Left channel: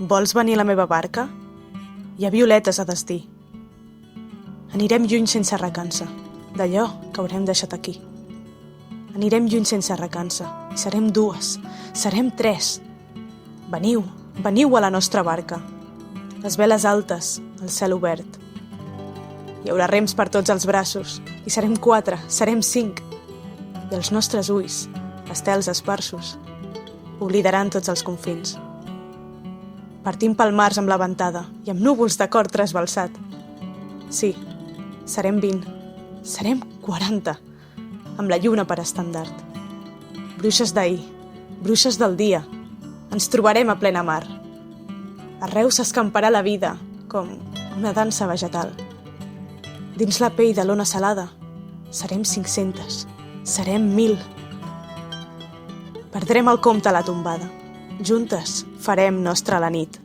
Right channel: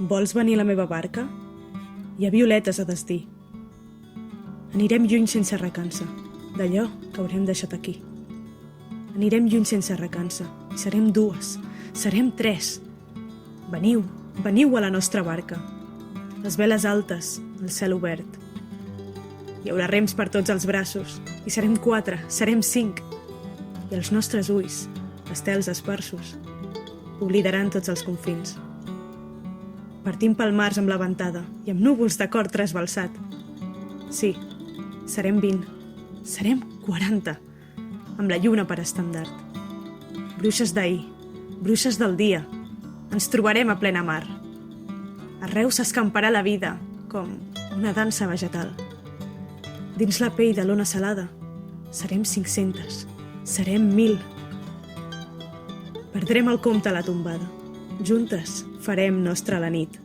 Vols venir a la meva barca? Hi ha violetes a destí. Anirem lluny sense recança, d'allò que haurem deixat aquí. Anirem lluny sense recança, i serem dues, serem tres. Veniu, veniu a la nostra barca. Les veles altes, el cel obert. Hi haurà rems per tots els braços, i serem 4, serem 5. I els nostres ulls, estels esparsos, oblidaran tots els confins. Partim pel març amb la ventada i amb núvols de cor trasbalsat. Sí, serem 20, serem 40, amb la lluna per estendard. Bruixes d'ahir, bruixes del dia, ens trobarem a plena mar. Arreu s'escamparà la vida, com una dansa vegetal. Dins la pell de l'ona salada, serem 500, serem 1000. Perdrem el compte a la tombada. Juntes farem nostra la nit.